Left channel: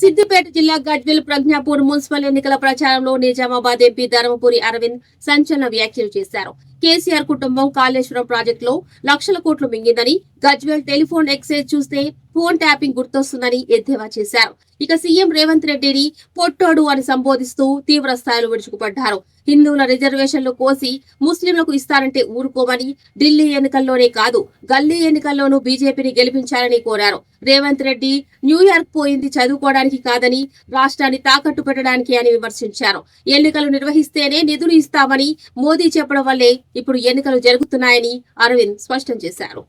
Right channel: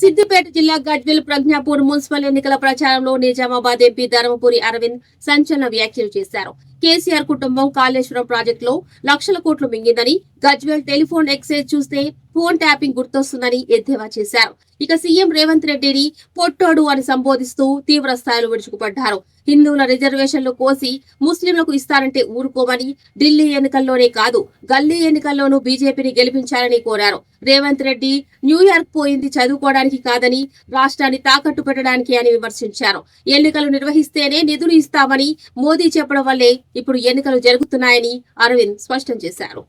సిద్దిపేట జిల్లా గజ్వేల్ ప్రజ్ఞాపూర్ మున్సిపల్ ఎన్నికల ప్రచారంలో నిజామాబాద్ ఎంపీ ధర్మపురి అరవింద్ సంచలన వ్యాఖ్యలు చేశారు. కేసీఆర్ కుటుంబం కాళేశ్వరం ప్రాజెక్టులో లక్షల కోట్లు మింగిందని, గజ్వేల్ టెలిఫోన్ ఎక్స్చేంజ్ చూస్తే ఫోన్ ట్యాపింగ్ గుర్తొస్తుందని ఎద్దేవా చేశారు. ఇక సీఎం రేవంత్ రెడ్డిని పొట్టోడు అని సంబోధిస్తూ తీవ్ర స్థాయిలో విరుచుకుపడ్డారు. హిందువుల రిజర్వేషన్లు కోసి ముస్లింలకు ఇస్తారంటే ఊరుకోమని, ఢిల్లీ ఎన్నికల్లోనే కాదు గల్లీ ఎన్నికల్లోనూ బీజేపీని గెలిపించాలని కోరారు. రేవంత్ రెడ్డి న్యూయార్క్ పోయింది చదువుకోవడానికి కాదని, రాష్ట్రాన్ని తాకట్టు పెట్టడానికి అని విమర్శించారు. ఎన్నికలు నిర్వహిస్తేనే నిధులు ఇస్తామని మోదీ చెప్పడం వల్లే ఇప్పుడు ఎన్నికలు జరుగుతున్నాయని అరవింద్ స్పష్టం చేశారు.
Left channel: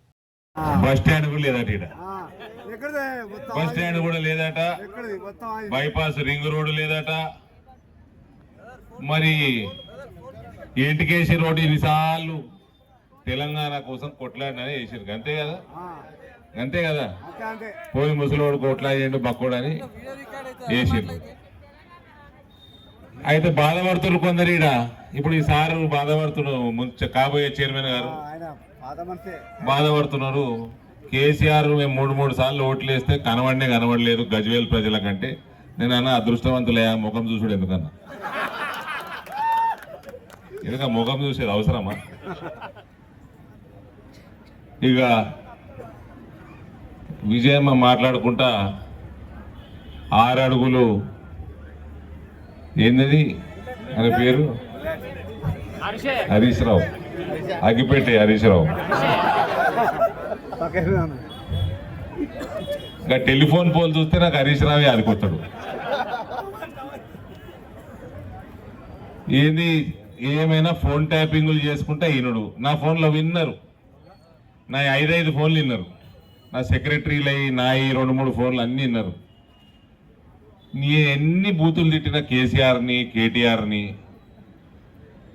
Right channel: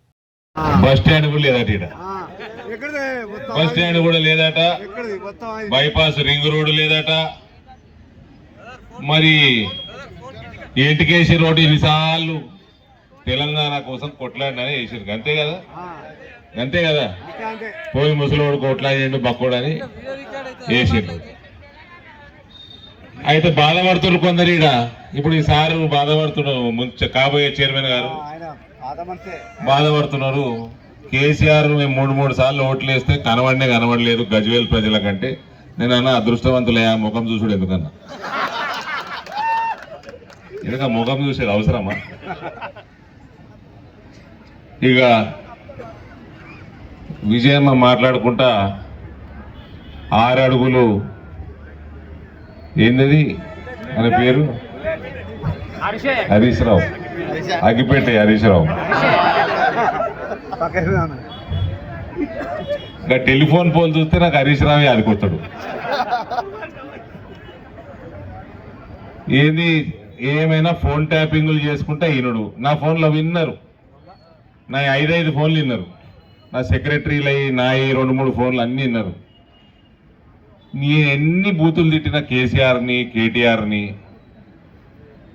బస్ స్టాండ్ కూడా లేదట, బస్ స్టాండ్ కూడా లేదట, బైపాస్ రింగ్ రోడ్డు లేదట, మరి ఎంటికేసి రోడ్డు ఎన్నిసార్లు తెలంగాణ కోసం కొట్లాడినని వేసారు. అంతే కదా, అంతే కదా. పోయి ముసలోడు కొట్లాడిండు బక్కోడని వేసిండు. అయితే బాధపడుతున్నారు కొందరు. ఇప్పుడు ఈ సారు బాధపడుతున్నారు, కాబోయే చైర్మన్ గారు బాధపడుతున్నారు. కేసీఆర్ మేము మూడు సార్లు ఓట్లు వేస్తే కనబడలేదు గజ్వేల్ ప్రజల కంటే. నేను అన్న అదృష్టవంతులయ్యా, ముఖం చూసుడు ఎందుకన్నా, ఎందుక ముఖం చూసేది అవసరమా? ఇక విజయమ్మ మాట్లాడుకుంటా 6 అడుగులు ఏంది అని పేరు హరీష్ రావు, అగిపేట హరీష్ రావు. ఇంకా టెలిఫోన్ పోల్ చూస్తే నాకు హరీష్ రావే ఆదుకొస్తాడు. ఏంది ఏమైనా ఫోన్ ట్యాపింగ్లు చేసుకుంటే ఈయనడు. నా ఫోన్లో విన్నారు, నా 5 ఫోన్లు విన్నారు, నా సెక్రటరీలు అయ్యి నా 2-3 ఫోన్లు అన్నీ విన్నారు. నీ ఎన్ని బూతులు తిట్టిన కేసీఆర్ని, కేటీఆర్ని,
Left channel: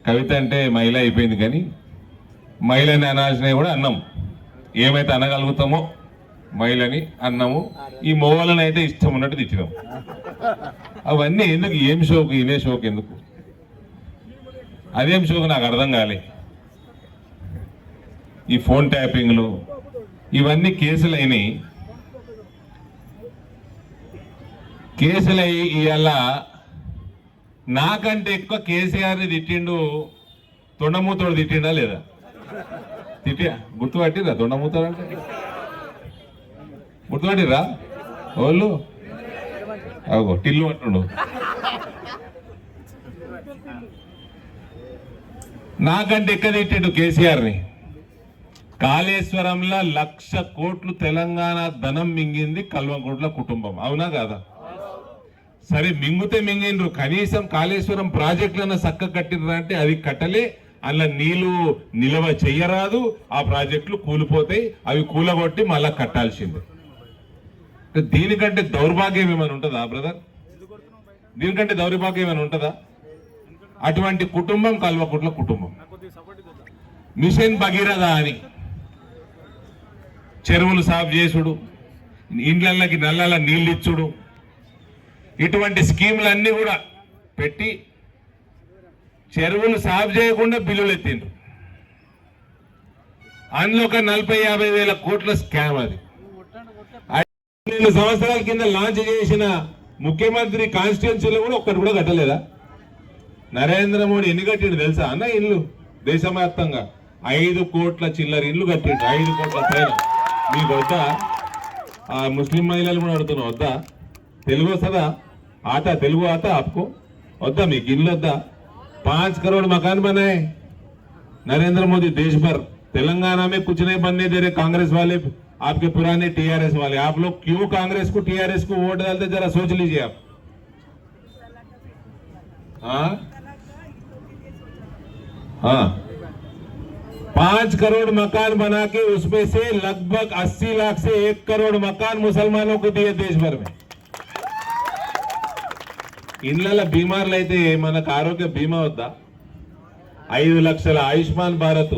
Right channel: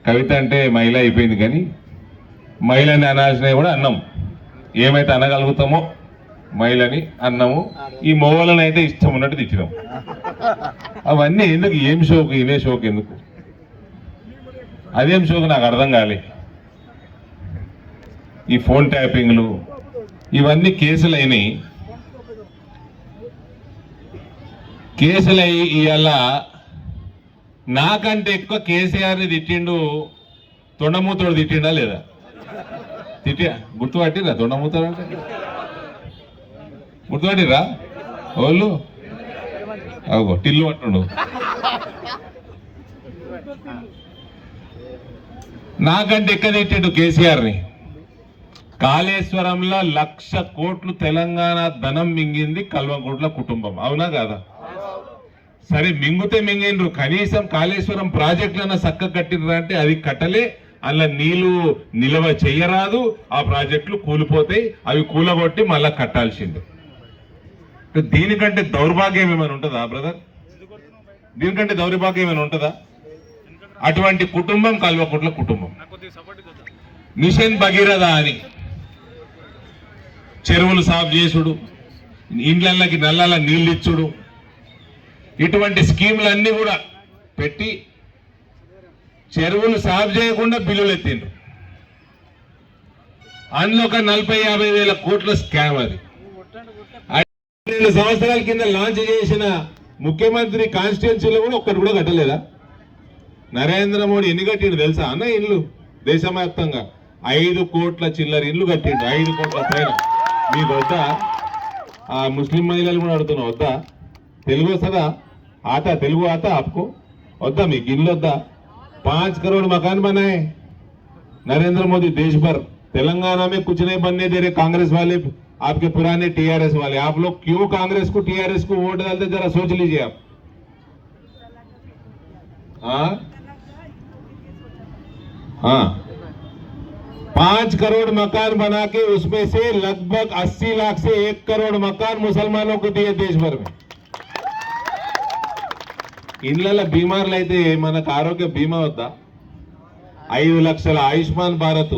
కవిత అంటే మహిళ అయిపోయింది కానీ మహిళని అనాల్సినవి కూడా అన్నాం. ఏమైతే అనగలుగుతామో మహిళని అన్నాము. ఈ మొగలను అయితే ఇష్టం ఉన్నట్టు తిట్టినాం. అవన్నీ ఎందుకు? ఏం షోకు? ఇదే షోకు ఎందుకు? అదేం షోకు నాకు అర్థం కాలే. ఈ ఫోన్ ట్యాపింగ్లు ఇవన్నీ కేసులు అయినాయి. కేసులయ్యి ఇవాళ నాకంటే ఎక్కువ కేసీఆర్ని తిట్టిండు. తొండమూతోడు తిట్టిండా లేదా? గుర్తుపట్టిరా? తొండమూతోడు అంటే గుర్తుపట్టిరా వాళ్ళు? అగో టిల్లు అంటుండు. నాకంటే ఎక్కువ తిట్టిండు కేసీఆర్ని. కాళేశ్వరంలో 1,00,000 కోట్లు తెలంగాణ ధనం మింగింది కల్వకుంట్ల కుటుంబం, అవునా కాదా? సరే మింగుతే మింగిండ్రు, కనీసం కాళేశ్వరం ప్రాజెక్టులన్నా చక్క కట్టినరా అంటే అది కట్టలే. అలా నీళ్లు నిల్వ చెయ్యరాదు, ఆ ప్రాజెక్టులు కూలిపోతాయి, అవి కూలగొట్టి మళ్ళా కట్టాల్సింది. దీనికంటే దౌర్భాగ్యం ఏమైనా ఉంటుందా బ్రదర్? దీనికంటే దౌర్భాగ్యం ఏమైనా ఉంటుందా? అటువంటి కుటుంబం కల్వకుంట్ల కుటుంబం. మిషన్ భగీరథ అని చెరువులు సాఫ్ చేసుడు, ఇండ్లకి నల్లల నీళ్ళు ఇచ్చుడు, ఇటువంటి స్కీములన్నీ కూడా పెట్టి చెరువులు సాఫ్ చేయకుండా బిల్లులు ఎత్తిండ్రు. అందులో ఒక 40-50 వేల కోట్ల స్కామ్. అది 5 సంవత్సరాల కింద లాంచ్ చేసిన ముఖ్యమంత్రి కాన్స్టిట్యున్సీలో కూడా ఒక్కటి కూడా కట్టలేదా? నరేంద్ర మోడీ ఎన్ని కట్టిండు తెలుసా అన్న? ఇల్లు దేశవ్యాప్తంగా 5 కోట్ల చిల్లర ఇల్లు కట్టిండు. 5 కోట్ల పైన. మీకు వద్దా? ఆ ముస్లిం మహిళలు కూడా అడుగుతున్నా, వద్దా? తెలుగు వస్తుందా? आता तेलुगु आता आपको? वद्दा మీకు ఇల్లు వద్దా? 5 करोड़ मकान बनाए नरेंद्र मोदी देश भर. तेलंगाना में कुछ नहीं बनने दे रहे कांग्रेस वाले, आपके पुराने टीआरएस वाले. आप लोग क्यों कांग्रेस को, टीआरएस को वोट डालते, जरा सोच लीजिए आप. हाँ हाँ 5 करोड़ मकान बना के उसमें से लगभग 80 लाख से 1 करोड़ मकान मुसलमानों को दिए देश भर में. ఇళ్ళ బీమార్లు అయితే మనకు ఆరోగ్య బీమా వద్దా? 5 లక్షల ఆయుష్మాన్ భారత్,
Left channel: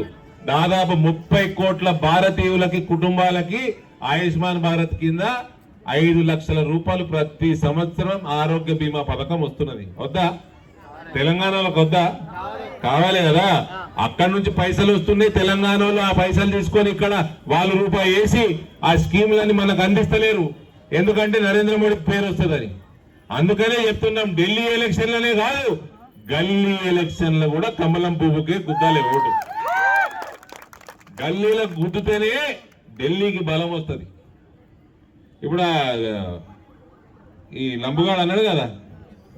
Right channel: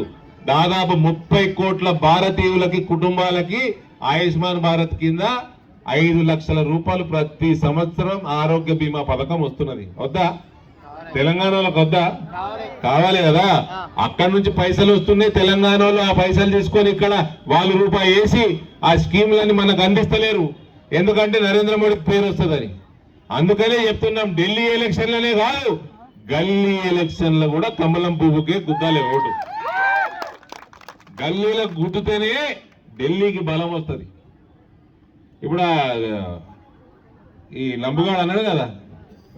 దాదాపు 30 కోట్ల భారతీయులకి కుటుంబాలకి ఆయుష్మాన్ భారత్ కింద 5 లక్షల రూపాయలు ప్రతి సంవత్సరం ఆరోగ్య బీమా పథకం వస్తున్నది. వద్దా? తెలంగాణలోకి వద్దా? కావాలి కదా. అక్కడి నుంచి పైసలు వస్తున్నాయి, తెలంగాణలో ఆ పైసలు తీసుకొని ఇక్కడ వాళ్ళు రూపాయి వేసి ఆ స్కీములన్నీ మనకు అందిస్తలేరు. ఎందుకంటే నరేంద్ర మోడీ పేరు వస్తుందని. అందుకనే చెప్తున్నాం, ఢిల్లీ ఎలక్షన్లనే కాదు గల్లీ ఎలక్షన్లో కూడా కమలం పువ్వుకే గుద్దాలి ఓటు. గల్లీలకు గుద్దుతేనే ఢిల్లీకి బలం వస్తుంది. ఇప్పుడు ఈ లంబుగాడు అన్నాడు కదా,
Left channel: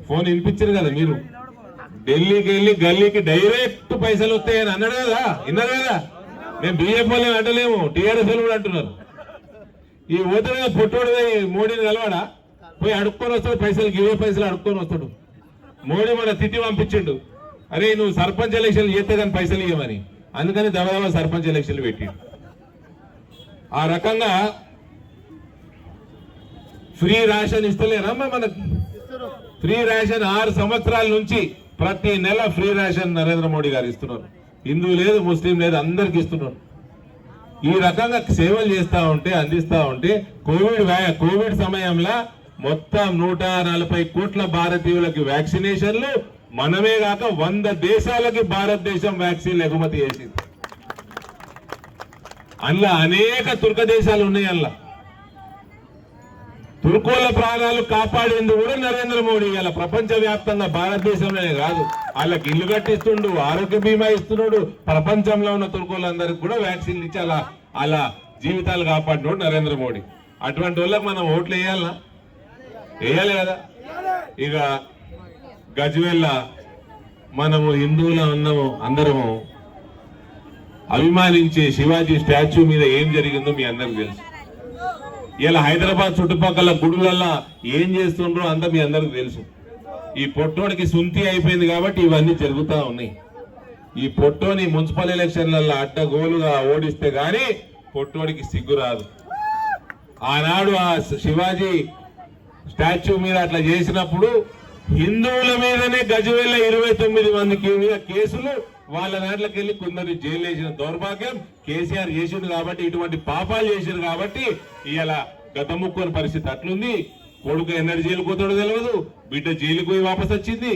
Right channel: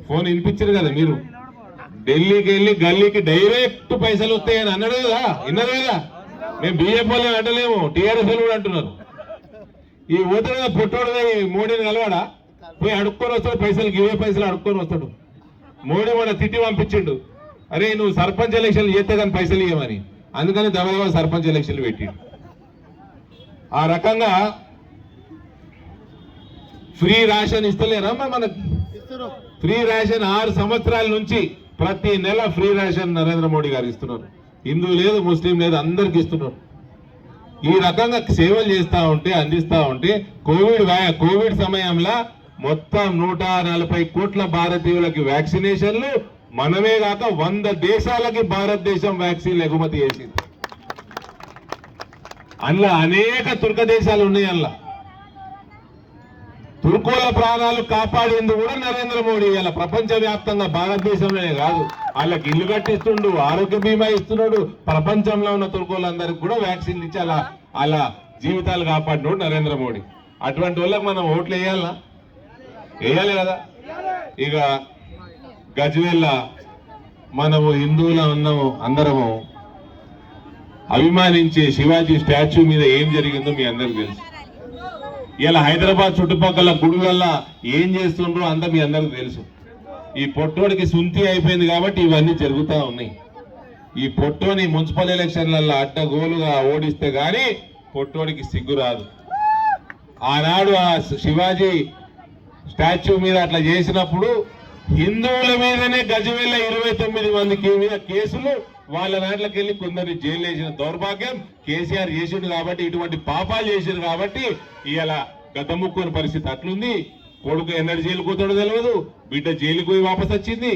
ఫోన్ వినిపించారు కదా మీరు, ఢిల్లీకి వెళ్ళి గల్లీకి డైరెక్ట్ పైసలు వస్తాయని అన్నాడు కదా, విన్నారు కదా. మేము బీజేపీ వాళ్ళే అంటలేము, టీఆర్ఎస్ వాళ్ళు కూడా అంటున్నారు. ఈ పోతాడు పొట్టోడు పోయి మోడీని కలవాడా, పోయి అడుక్కొని వస్తాడు, పైసలు ఇవే పైసలు అడుక్కొని వస్తాడు. మోడీ మన తిట్టి పంపించిండు, అరే నువ్వు సర్పంచ్ ఎలక్షన్లు చేస్తే కానీ పైసలు ఇవ్వమని. అందుకని దవదవ సర్పంచ్ ఎలక్షన్లు పెట్టిండు. ఆ రకంగా ఫ్రీ రేషన్ ఇస్తలేరమ్మా మనకు. ఫ్రీ రేషన్ 6 సంవత్సరాల నుంచి ప్రతి నెల ఫ్రీ రేషన్ నరేంద్ర మోడీ గారు ఇస్తున్నారు. హిందూ లేదు, ముస్లిం లేదు, అందరికి ఇస్తున్నారు. ఈ రకంగా సేవలు చేస్తా ఉంటే, అందిస్తా ఉంటే కోవిడ్ సమయంలో మొత్తం 140 కోట్ల భారతీయులకి వ్యాక్సినేషన్లు, మనమే కాక 100 దేశాలకి భారతదేశం వ్యాక్సిన్ ఎగుమతి చేసింది. అందులో అనేక తుర్క దేశాలు ఉన్నాయి. అందులో తుర్కోల ప్రాణాలు కాపాడేందుకు కూడా నరేంద్ర మోడీ ఇలా ప్రపంచ వ్యాప్తంగా, భారతదేశంలోనే కాదు, వాళ్ళకి ఇల్లు కట్టిస్తుండు, ఆరోగ్య బీమా ఇస్తున్నాడు. ప్రపంచంలో ఉన్న తుర్కోలందరికీ కూడా వ్యాక్సిన్ ఇచ్చి అలా జీవితాలు కాపాడినోడు నరేంద్ర మోడీ. అటువంటి వాళ్ళకి మనం ఓట్లు వేయాలా? వేయాలి కదా. ఇక గజ్వేల్ మనము హిందువులు అందరము అభిమానించే శివాజీ స్టాచ్యూ మీద ఏం జరిగిందో మీ అందరికి తెలుసు. ఇలా హైదరాబాద్ చుట్టుపక్కల గుడులల్లా ఏం చేస్తుండ్రో అంతా మీ అందరికి తెలుసు. ఈ పొట్టోడికి సుంతి అయిపోయింది కాబట్టి ఇవన్నీ జరుగుతూ ఉన్నాయి. ఈ పొట్టోని మున్సిపల్ ఎలక్షన్లలో అడ్డగోలుగా ఓడిస్తే గాని పొట్టోడికి సిగ్గు రాదు. ఆనాడు ఆ శివాజీ స్టాచ్యూ మీద అట్లా చేసినప్పుడు హిందువుల మీదనే గజ్వేల్ 29 మందికి మీద కేసులు, వాళ్ళ నాట్లకి వెళ్ళి కొందరిని జైలు వేసిన దౌర్భాగ్యం కేసీఆర్ చేసిండు. కాబట్టి ఇటువంటి పాపాలు చేసిండు కాబట్టి ఇలా గతముక్కుని పరిస్థితి అట్లుంది. కొడుకు ఎన్నడు జైలు పోతాడో తెలియదు, బిడ్డ జైలుకు పోయి వాపస్ వచ్చింది.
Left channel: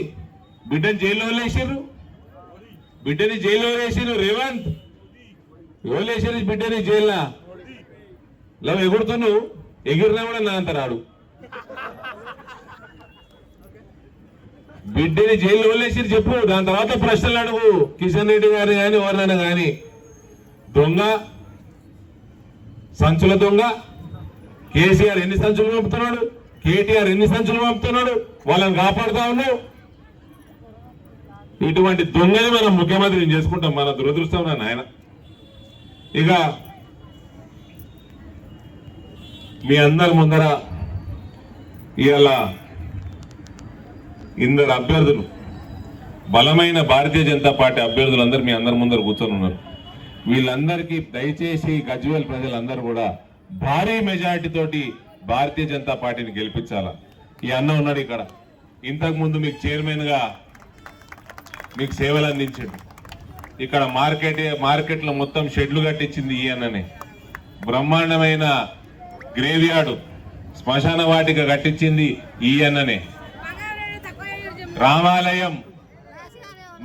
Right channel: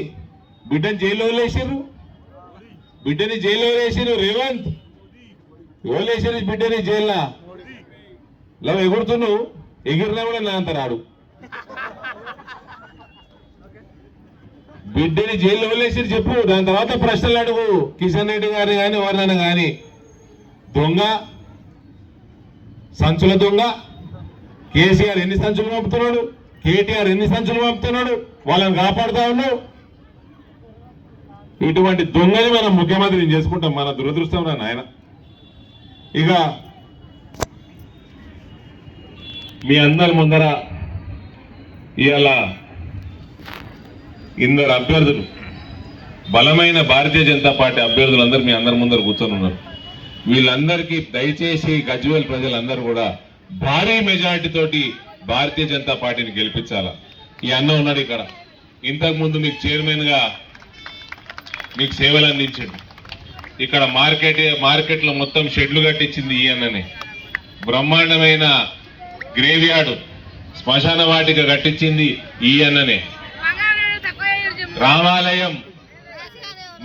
బిడ్డని జైల్లో వేసారు, బిడ్డని జైల్లో వేసారు. రేవంత్ వేసారు బిడ్డని జైల్లో. ఇలా ఎగురుతున్నావు, ఎగిరినా కూడా నా అంత రాడు. బిడ్డని జైల్లో వదిలేసి చెప్పు, దాని తర్వాత ప్రశ్నలు అడుగు. కిషన్ రెడ్డి గారిని కానీ ఎవరినైనా కానీ, దొంగ సంచుల దొంగ కేసీఆర్ ఎన్ని సంచులు పంపుతున్నాడు, కేటీఆర్ ఎన్ని సంచులు పంపుతున్నాడు, వాళ్ళని కాపాడుతా ఉన్నావు. ఇటువంటి దొంగని మనం ముఖ్యమంత్రిని చేసుకుంటాం. మన దురదృష్టం నాయన. ఇక మీ అందరి ముందర ఇవాళ ఇందరు అభ్యర్థులు, బలమైన భారతీయ జనతా పార్టీ అభ్యర్థులందరూ మీ అందరి ముందర కూర్చొని ఉన్నారు. వీళ్ళందరికీ దయచేసి గజ్వేల్ ప్రజలందరూ కూడా భారీ మెజారిటీ తోటి భారతీయ జనతా పార్టీని గెలిపించాలా. ఈ అన్న ఉన్నాడు ఇక్కడ, ఇంతకుముందు మీకు చైర్మన్ గా మీకు సేవలు అందించండి. ఇక్కడ మార్కెట్లో మొత్తం షెడ్లు కట్టించింది ఈ అన్ననే. బ్రహ్మాండమైన గ్రేవ్యార్డు, శ్మశాన వాటిక కట్టించింది ఈ అన్ననే. రామాలయం,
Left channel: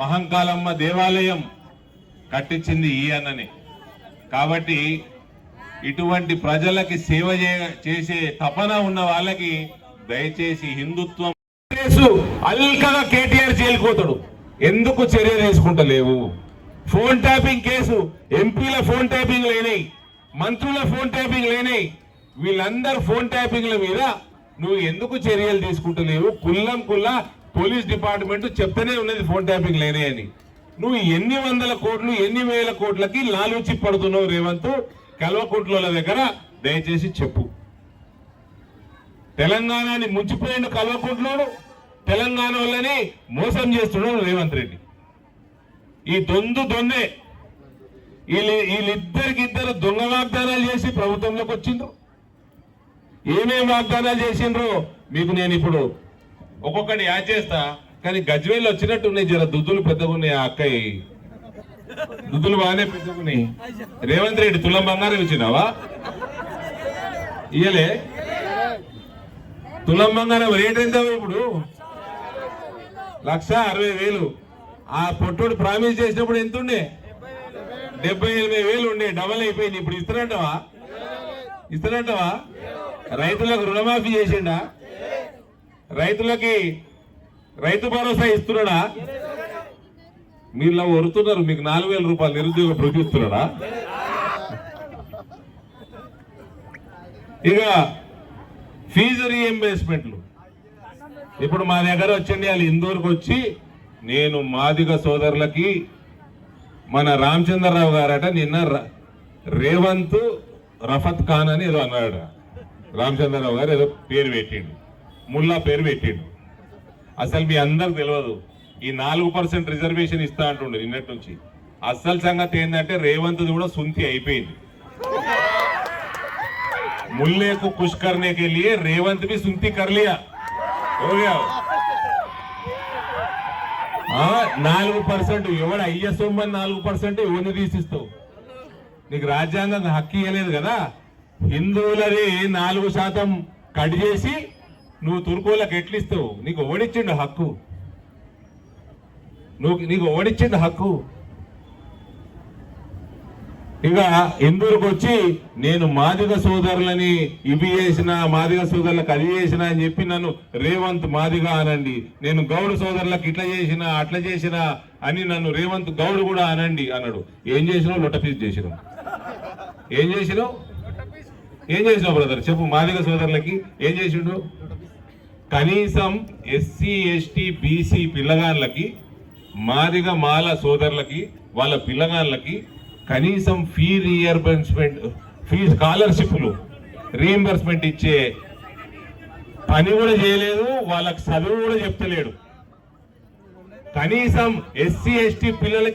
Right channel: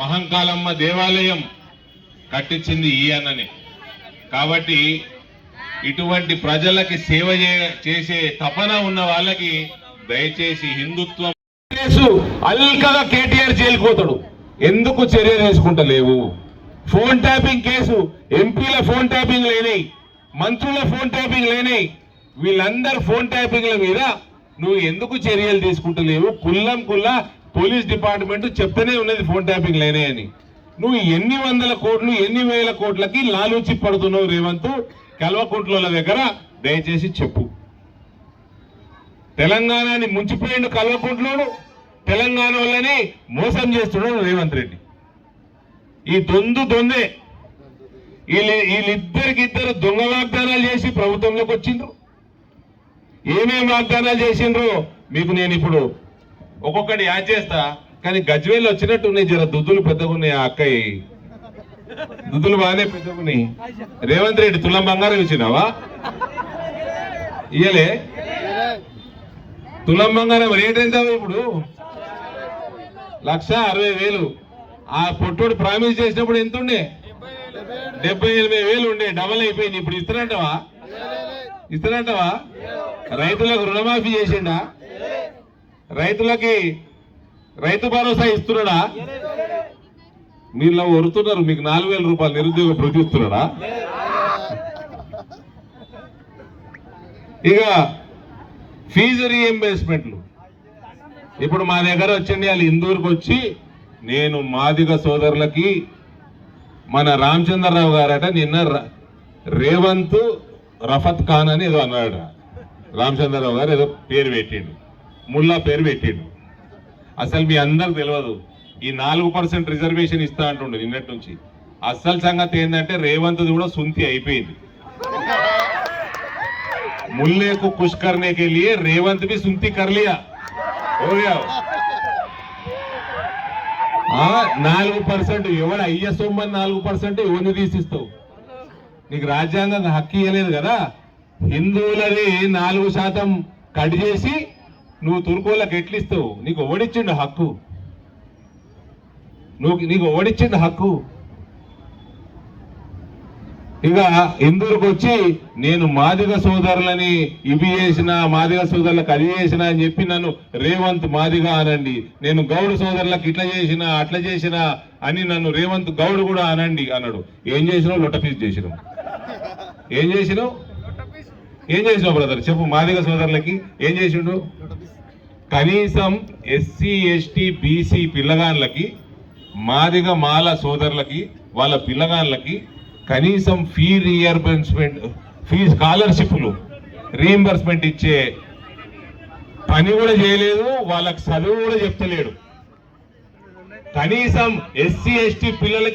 మహంకాళమ్మ దేవాలయం కట్టించింది ఈ అన్ననే. కాబట్టి ఇటువంటి ప్రజలకి సేవ చేసే తపన ఉన్న వాళ్ళకి దయచేసి హిందుత్వం కేసు అల్కగా కేటీఆర్ జైలుకోతాడు. ఎందుకు చర్య తీసుకుంటలేవు? ఫోన్ ట్యాపింగ్ కేసు, ఎంపీల ఫోన్ ట్యాపింగ్ లేనాయి, మంత్రుల ఫోన్ ట్యాపింగ్ లేనాయి. వీళ్ళందరూ ఫోన్ ట్యాపింగ్ల మీద నువ్వు ఎందుకు చర్యలు తీసుకుంటలేవు? కుల్లా పోలీస్ డిపార్ట్మెంట్ చెప్తూనే ఉన్నది ఫోన్ ట్యాపింగ్ లేనాయని. నువ్వు ఎన్ని వందల కోట్లు, ఎన్ని వేల కోట్లకి లాలూచి పడుతున్నావు రేవంత్? కల్వకుంట్ల దగ్గర దయచేసి చెప్పు. తెలంగాణని ముంచిపోయిండు కల్వకుంట్లోను, తెలంగాణ వాళ్ళని మోసం చేస్తున్నాడు రేవంత్ రెడ్డి. ఈ దొందే. వీళ్ళిద్దరికిద్దరు దొంగ వాగ్దానాలు చేసి ప్రభుత్వంలోకి వచ్చిండ్రు. ఏమేమి వాగ్దానాలు చేసిండ్రు మీకు నేను ఇప్పుడు ఒక్కొక్కటి యాడ్ చేస్తా. కానీ గజ్వేల్ వచ్చినట్టు ఉన్నాయి, జర దుద్దులు పెద్దగా ఉన్నాయి. ఆ అక్కయ్య దుద్దులు బాగానే పెద్దగా ఉన్నాయి. రేవంత్ రెడ్డి తులం బంగారం ఇచ్చినావా? ఇయ్యలే. తులం బంగారం రేట్ ఎంత ఇప్పుడు? 1,60,000. ఆ పొట్టుడు ప్రామిస్ చేసినప్పుడు ఎంత ఉండే? 70,000-80,000 ఉండే. డబల్ అయిపోయింది. ఇప్పుడు ఇస్తున్నట్టవా? రైతులకు రుణమాఫీ చేసిండా? రైతులకి రైతు భరోసా ఇస్తున్నాడా? మీరు వరుతున్నారు, మీకు 4,000 రూపాయలు నిరుద్యోగ భృతి ఇస్తున్నాడా? ఇక ఫీజు రీఎంబర్స్మెంట్లు ఇప్పుడు మా దగ్గర వచ్చండి, వాళ్ళు ఇందూరుకు వచ్చి నేను మాదిగ సోదరులకి మన రామచంద్రరావు గారట నిన్న రేవంత్ రఫత్ ఖాన్ అని ఏదో అన్నాడు. రామచంద్రరావు గారు ఏదో పేరు పెట్టిండు, ముల్లా పేరు పెట్టిండు. అసలు మీ అందరికి తెలియదు, ఈ 4% రిజర్వేషన్ ఇస్తా అంటుండే నిన్నటి నుంచి. అసలు సంగతి ఏంటంటే రేవంత్ కూడా సుంతి అయిపోయింది. मुल्ले को खुश करने के लिए रेवंत भी सुनती कर लिया, हो गया. 4% ఎవడు అయ్య సొమ్మని 4% ఎవరిని తీసిస్తావు? నీకు రాజ్యాంగం హక్కు ఇవ్వలేదు కదా. హిందువులని 4% కట్ చేసి నువ్వు తుర్కోళ్ళకి ఎట్లిస్తావు? నీకు ఓడిచ్చిండు హక్కు, నీకు ఓడిచ్చిండు హక్కు. ఇక ఇందూరుకు వచ్చి నేను మాదిగ సోదరులని ఇవి చేసిన, మాదిగ సోదరులకు అది చేసిన అని చెప్పి నన్ను రేవంత్ మాదిగ అనండి, నేను గౌడ్ సోదరులకు ఇట్లా చేసిన అట్లా చేసిన అని నన్ను రేవంత్ గౌడ్ కూడా అనండి అన్నాడు. ఏం చేసినావు? లొట్టపీస్ చేసినావు. ఏం చేసినావు? ఏం చేసినావు బ్రదర్ చెప్పు? మాదిగ సోదరులకి ఏం చేసిండు? కనీసం ఎస్సీ ఎస్టీ బీసీ పిల్లగాళ్ళకి, మాదిగ మాల సోదరులకి వాళ్ళ పిల్లగాళ్ళకి కనీసం ఫీ స్కాలర్షిప్లు రీఎంబర్స్మెంట్ ఇచ్చే పని కూడా చేయలేదు. వాళ్ళకి చదువు కూడా చెప్తలేడు. కనీసం ఎస్సీ ఎస్టీ పిల్లలకి